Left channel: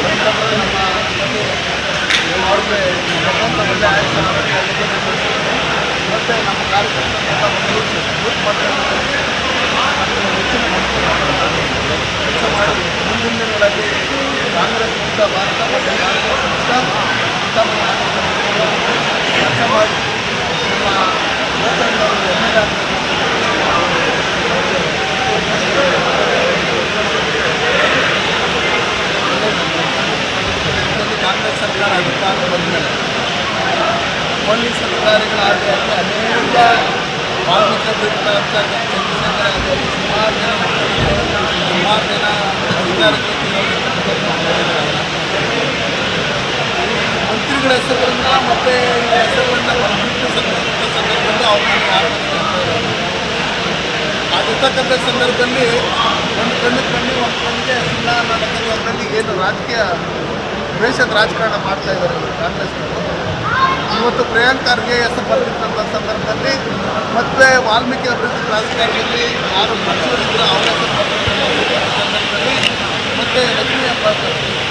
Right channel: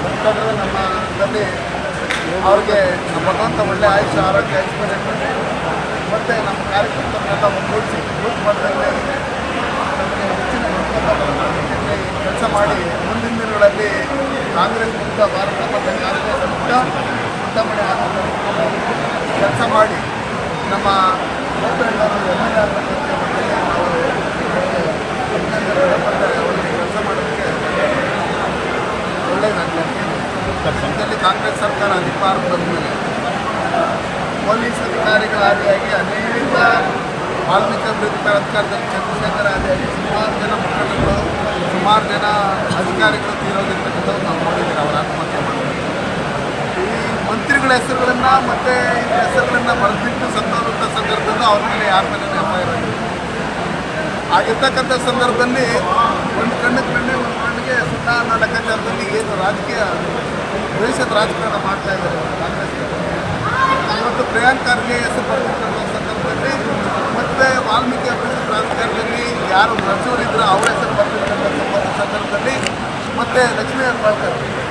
ಮುಖಂಡರು ನಮ್ಮಲ್ಲಿ ಅವ್ರಿಗೆ ಭಗವಂತ ಒಳ್ಳೆ ಆಯುಷ್ಯ ಆರೋಗ್ಯ ಐಶ್ವರ್ಯ ಮತ್ತು ನಮ್ಮ ಕಾರ್ಯಕರ್ತರನ್ನೆಲ್ಲ ಒಂದುಗೂಡಿಸಿ ಬೂತ್ ಮಾಡ್ತಾರೆ ನಮಗೆ ಹೆಚ್ಚಿನ ಕೆಲಸ ಮಾಡಿ ಮುಂದಿನ ದಿನಗಳಲ್ಲಿ ಕಾಂಗ್ರೆಸ್ ಮುಕ್ತ ಭಾರತ ಮತ್ತು ಕಾಂಗ್ರೆಸ್ ಮುಕ್ತ ಚಿಂತಾಮಣಿ ಆಗುತ್ತೆ ಕೆಲಸ ಮಾಡಿ ನಮ್ಮ ಗೋಪೇಂದ್ರ ಎಂ ಎಲ್ ಎ ನಾವು ಅವರಿಗೆ ಅಭಿನಂದನೆ ಮತ್ತು ಅವರಿಗೆ ಕೆಲಸ ಮಾಡೋಕ್ಕೆ ಒಳ್ಳೆಯದಾಗಿದೆ ಪಕ್ಷದಲ್ಲಿ ಕಾಂಗ್ರೆಸ್ ಸರ್ಕಾರ ಅಧಿಕಾರ ಬಂದ ಮೇಲೆ ಪೊಲೀಸ್ ಅಧಿಕಾರಿಗಳ ಆದಿಯಾಗಿ ಅನೇಕ ವಾಲ್ಮೀಕಿ ಅಭಿವೃದ್ಧಿ ಪ್ರಾಧಿಕಾರದ ಚಂದ್ರಶೇಖರ ಆದಿಯಾಗಿ ಸುಮಾರು ಜನ ಮುಖಂಡರು ಸುಮಾರು ಜನ ಅಧಿಕಾರಿಗಳು ತೀರೋಗಿರ್ತಕ್ಕಂಥದ್ದು ನಾವು ನೋಡಿದ್ದೇವೆ ಅವರ ಆತ್ಮಹತ್ಯೆ ಮಾಡಿದ್ದಾರೆ ಮಂತ್ರಿಗಳ ಹೆಸರುಗಳನ್ನ ಮತ್ತು ಈ ಹೆಸರುಗಳನ್ನು ಬರೆದಿಟ್ಟು ಸತ್ತೋದಂಥ ಸಂದರ್ಭದಲ್ಲೂ ಅವ್ರ ಮೇಲೆ ಯಾರ ಮೇಲೆ ಎಫ್ ಐ ಆಗಿದೆ ಆಗಿರ್ತಕ್ಕಂಥ ಸಂದರ್ಭದಲ್ಲಿ ಒಂದು ಕಣ್ಣಿಗೆ ಕಣ್ಣಿ ಒಂದು ಕಣ್ಣಿಗೆ ಸುಣ್ಣ ಅನ್ನೋ ಲೆಕ್ಕಾಚಾರದಲ್ಲಿ ಏನು ರಾಜಕೀಯ ದ್ವೇಷದ ರಾಜಕಾರಣ ಮಾಡ್ತಾ ಇದ್ದಾರೆ ಕಾಂಗ್ರೆಸ್ನವರು. ಇವತ್ತು ಪ್ರಿಯಾಂಕ್ ಖರ್ಗೆ ಹೆಸರು ಬರ್ತಿರ್ತಕ್ಕಂಥ ಸಂದರ್ಭದಲ್ಲಿ ಮತ್ತು ವಾಲ್ಮೀಕಿ ಅಭಿವೃದ್ಧಿ ಪ್ರಾಧಿಕಾರದಲ್ಲಿ ಯಾರು ಸಚಿವರಿದ್ದರು ಅವರ ಹೆಸರು ಬರ್ತಿರ್ತಕ್ಕಂಥ ಸಂದರ್ಭದಲ್ಲಿ ಮತ್ತು ಲಕ್ಷ್ಮೀ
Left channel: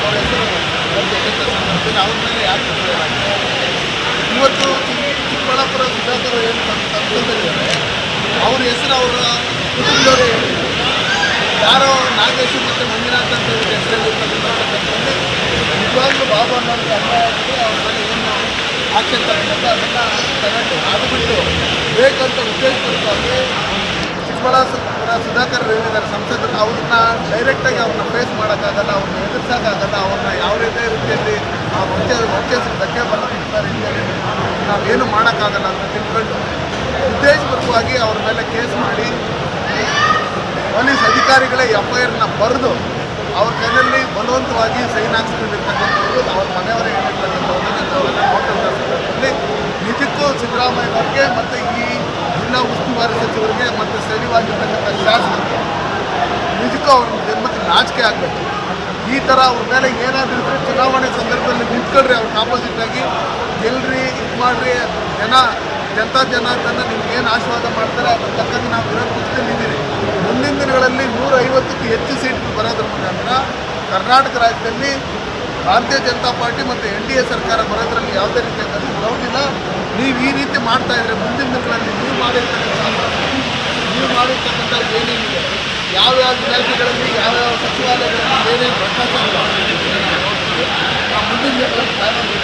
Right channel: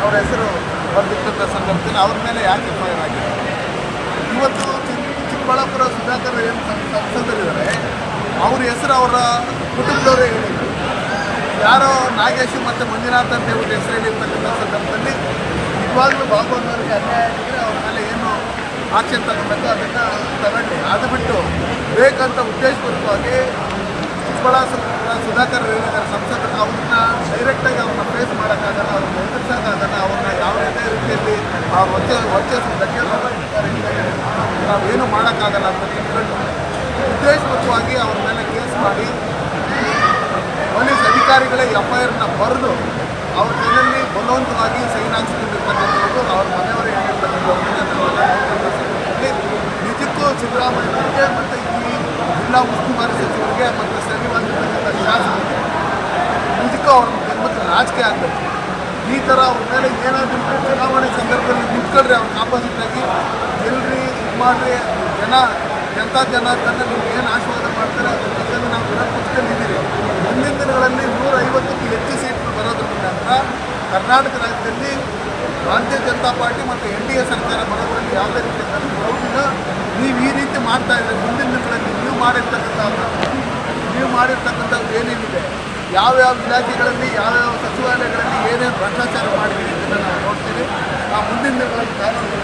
ಅವರ ಹೆಸರು ಬರ್ತಿರ್ತಕ್ಕಂಥ ಸಂದರ್ಭದಲ್ಲಿ ಅವ್ರ ಮೇಲೆ ಯಾಕೆ ಎಫ್ ಆಗಿದೆ? ಇವತ್ತು ಚಿಕ್ಕ- ಚಿಕ್ಕಬಳ್ಳಾಪುರ ಸುಧಾಕರ್ ಏನು ಸಂಸದರಿದ್ದಾರೆ, ಅವ್ರ ಹೆಸರು ಅವರ ಕುಟುಂಬದವರೇ ಹೇಳಿದ್ದಾರೆ ಯಾರೋ ನಾಗೇಶ್ ಮತ್ತು ಮಂಜುನಾಥ್ ಅಂತ ಹೇಳಿ ಹೆಸರು ಸಂದರ್ಭದಲ್ಲಿ ನಿಜವಾಗ್ಲೂ ಬಾಬು ಅನ್ನೋರಿಗೆ ಅನ್ಯಾಯ ಆಗಿದ್ರೆ ಅವ್ರ ಮೇಲೆ ಏನು ಆಕ್ಷನ್ ತಗೊಂಡಂತೆ ಅದನ್ನು ತಗೊಂಡು ಅದು ಬಿಟ್ಟು ಬೇಕಂತ ಉದ್ದೇಶಪೂರ್ವಕವಾಗಿ ಚಿಕ್ಕಬಳ್ಳಾಪುರ ಸುಧಾಕರ್ ಏನಿದ್ದಾರೆ ಸಂಸದರು. ಅವ್ರನ್ನ ಡೈರೆಕ್ಟಾಗಿ ಅವ್ರನ್ನ ಫೇಸ್ ಮಾಡೋಕ್ಕಾಗಲ್ಲ, ಅವ್ರನ್ನ ಎದುರಿಸೋಕ್ಕಾಗಲ್ಲ, ಅವ್ರನ್ನ ಯಾವುದೇ ರೀತಿಯಲ್ಲಿ ಅವ್ರ ಹೊಚ್ಚೆ ಒಚ್ಚೆ ಧಕ್ಕೆ ಬರೋಂಥ ರೀತಿಯಲ್ಲಿ ನಾವೇನು ಮಾಡೋಕ್ಕಾಗಲ್ಲ ಅಂತ ತಿಳ್ಕೊಂಡು ಉದ್ದೇಶಪೂರ್ವಕವಾಗಿ ಅವ್ರ ಮೇಲೆ ಕೇಸ್ ಮಾಡಿ, ಪೊಲೀಸ್ ಅಧಿಕಾರಿಗಳೇ ಎಫ್ ಐ ಆರ್ನ ಬರೆದು ಅವ್ರ ಕೈಯಲ್ಲಿ ಬಲವಂತವಾಗಿ ಸೈನ್ ಹಾಕ್ಸ್ಕೊಂಡಿರ್ತಕ್ಕಂಥವ್ರು, ಅವ್ರ ಮನೆಯವರೇ ಹೇಳಿರ್ತಕ್ಕಂಥವ್ರನ್ನ ನಾವೆಲ್ಲ ನೋಡ್ತಕ್ಕಂಥ ಸಂದರ್ಭದಲ್ಲಿ ನಿಜಕ್ಕೂ ಸಿದ್ದರಾಮಯ್ಯನವ್ರಿಗೆ ಮತ್ತು ಈ ಜಿಲ್ಲಾ ಉಸ್ತುವಾರಿ ಸಚಿವರಿಗೆ ಮತ್ತು ಸ್ಥಳೀಯವಾಗಿರ್ತಕ್ಕಂಥ ಶಾಸಕರಿಗೆ ನಿಜಕ್ಕೂ ಅವ್ರ ಜನ್ಮಕ್ಕೆ ನಾಚಿಕೆ ಆಗಬೇಕು. ಈ ಥರ ಅವ್ರ ಮೇಲೆ ಏನಾದರೂ ಇದ್ರೆ ಚುನಾವಣೆ ಸಂದರ್ಭದಲ್ಲಿ ನಿಂತ್ಕೊಳ್ರಿ ಅವ್ರಿಗೆ ಆಪೋಸಿಟ್ ಆಗಿ ಗೆಲ್ರಿ ಇದು ಮಾಡಿರಿ, ಜನ, ಜನತಾ ಜನ ತನ್ನ ನಿಮ್ಗೆ ಏನು ಆಶೀರ್ವಾದ ಮಾಡ್ತಾರೆ ಅದ್ರ ತಕ್ಕಂತೆ ನಾವು ವಿರೋಧ ನೂರ ಐವತ್ತಕ್ಕೂ ಹೆಚ್ಚು ಸೀಟ್ಗಳು ಬರೋದ್ರ ಮುಖಾಂತರ ಕರ್ನಾಟಕ ರಾಜ್ಯದಲ್ಲಿ ಭಾರತೀಯ ಜನತಾ ಪಾರ್ಟಿ ಮತ್ತು ಎನ್ ಡಿ ಎ ಸರ್ಕಾರ ಬರೋದ್ರಲ್ಲಿ ಯಾವುದೇ ರೀತಿಯ ಗೌಡಿಲ್ಲ ನೀವು ಈ ರೀತಿ ಮಾಡ್ತಾ ಇದ್ರೆ ಮುಂದಿನ ದಿನಗಳಲ್ಲಿ ನೀವು ಮಾಡಿರ್ತಕ್ಕಂಥ ನೀವು ಮಾಡಿರ್ತಕ್ಕಂಥ ಏನೇನಿದೆ ಯಾವ್ಯಾವ ಇಲಾಖೆಗಳಲ್ಲಿ ಯಾವ್ಯಾವ ಸಚಿವಾಲಯಗಳಲ್ಲಿ ಏನೇನು ಭ್ರಷ್ಟಾಚಾರ ಮಾಡಿದ್ದೀವಿ ಅಂತ ನಾವು ನೋಡ್ತೀವಿ. ನಾವು ಮುಂದಿನ ದಿನಗಳಲ್ಲಿ ಕಾನೂನು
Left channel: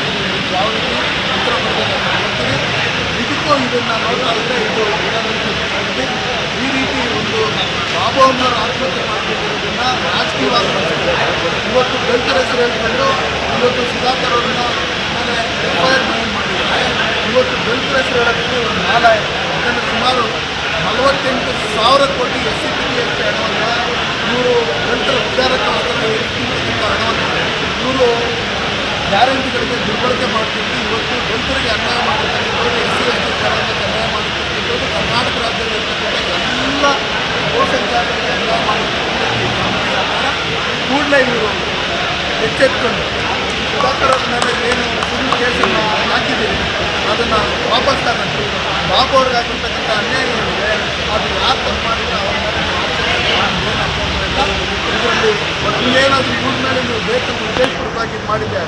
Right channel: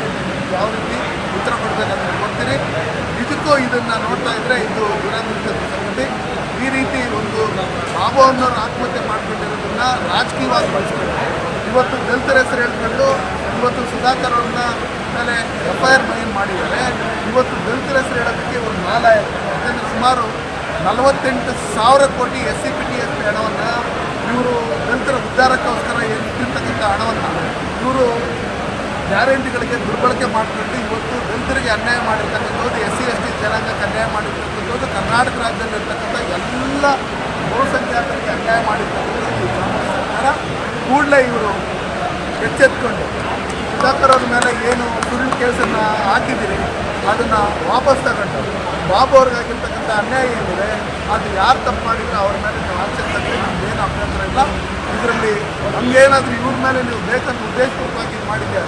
ಯಾವ ರೀತಿ ಉತ್ತರ ಕೊಡಬೇಕಂತ ನೋಡ್ತೀವಿ. ಇದಕ್ಕೂ ಇದನ್ನು ನೋಡ್ತಾ ಇದ್ದರೆ ಇದು ದುರಾದೃಷ್ಟದ ಸಂಗತಿ ಈ ರೀತಿ ಒಂದು ಬಾಬು ಅಮ್ಮನವರು ಆತ್ಮಹತ್ಯೆ ಮಾಡ್ಕೊಂಡಿರೋದನ್ನ ರಾಜಕೀಯವಾಗಿ ಬಳಸ್ತಾರೆ. ಇವತ್ತು ದಲಿತರ ಹೆಸರು ಹೇಳ್ಕೊಂಡು ಇವತ್ತು ಸುಧಾಕರ್ ಅವ್ರನ್ನ ಮೇಲೆ ಎಫ್ ಐ ಆರ್ ಮಾಡಿದ್ದಾರೆ. ಇವತ್ತು ದಲಿತರ ಹೆಸರು ಹೇಳೋದಕ್ಕೆ ಒಂದು ಮಾಲ ಯಾಕಂದರೆ ಸುಮಾರು ನಲವತ್ತೆಂಟು ಸಾವಿರ ಕೋಟಿ S C P T S ಹಣವನ್ನು ಇವರು ದಲಿತರ ಉದ್ಧಾರಕ್ಕೋಸ್ಕರ ಇಟ್ಟಿರ್ತಕ್ಕಂಥ ಹಣವನ್ನು ಇವರು ಗ್ಯಾರಂಟಿಗಳಿಗೆ ದುರ್ಬಳಕೆ ಮಾಡ್ತಿದ್ದು ಇವತ್ತು ದಲಿತರಿಗೆ ಅನ್ಯಾಯ ಮಾಡಿರ್ತಕ್ಕಂಥವ್ರು ಎಸ್ ಸಿ, ಎಸ್ ಟಿ ಅನ್ಯಾಯ ಮಾಡಿರ್ತಕ್ಕಂಥದ್ದು ಕರ್ನಾಟಕ ರಾಜ್ಯದಲ್ಲಿ ಇರ್ತಕ್ಕಂಥ ಎಲ್ಲ ಬಹುಸಂಖ್ಯಾತರಿಗೆ ಅನ್ಯಾಯ ಮಾಡಿರ್ತಕ್ಕಂಥದ್ದು ಕಾಂಗ್ರೆಸ್ ಸರ್ಕಾರ ಕೂಡಲೇ ಇವರು ಎಚ್ಚೆತ್ಕೊಂಡು ಸುಧಾಕರ್ ಮೇಲೆ ಏನು ಸುಳ್ಳು ಕೇಸನ್ನು ಹಾಕಿದ್ದೀರಿ ಅದನ್ನು ವಾಪಸ್ ತಗೊಂಡು ಬಾಬು ಅವ್ರಿಗಾಗಿರ್ತಕ್ಕಂಥ ಅನ್ಯಾಯ ಏನಿದೆ, ಅದು ಯಾರು ತಪ್ಪು ಮಾಡಿದ್ರೆ ಅವ್ರ ಮೇಲೆ ನೀವು ಅಭ್ಯಂತರ ಇಲ್ಲ. ಇದರಲ್ಲಿ ನಮಗೇನಾದರೂ ಇವ್ರ ಮೇಲೆ ನೀವು ಬೇಕಂತ ಉದ್ದೇಶಪೂರ್ವಕವಾಗಿ ಇದು ಅಂದರೆ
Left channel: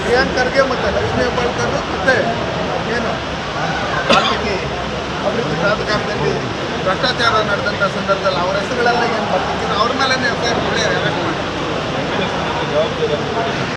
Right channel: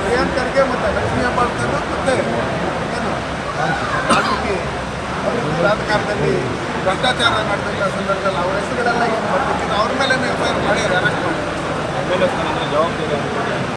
ಪ್ರಿಯಾಂಕರ್ಗೆ ಮತ್ತು ಲಕ್ಷ್ಮೀ ಹೆಬ್ಬಾಳ್ಕರ್ ಮತ್ತು ಏನು ವಾಲ್ಮೀಕಿ ಅಭಿವೃದ್ಧಿ ಪ್ರಾಧಿಕಾರದಲ್ಲಿ ಭ್ರಷ್ಟಾಚಾರ ನಡೆದಂಥ ಸಂದರ್ಭದಲ್ಲಿ ಅವ್ರ ಹೆಸರುಗಳೆಲ್ಲ ಏನು ಬರ್ತಿಕ್ಕಿದ್ರು ಅವ್ರ ಮೇಲೇ ಎಫ್ ಐ ಆರ್ ಮಾಡಿ ಅರೆಸ್ಟ್ ಮಾಡಿ. ಜವಾಬ್ದಾರಿ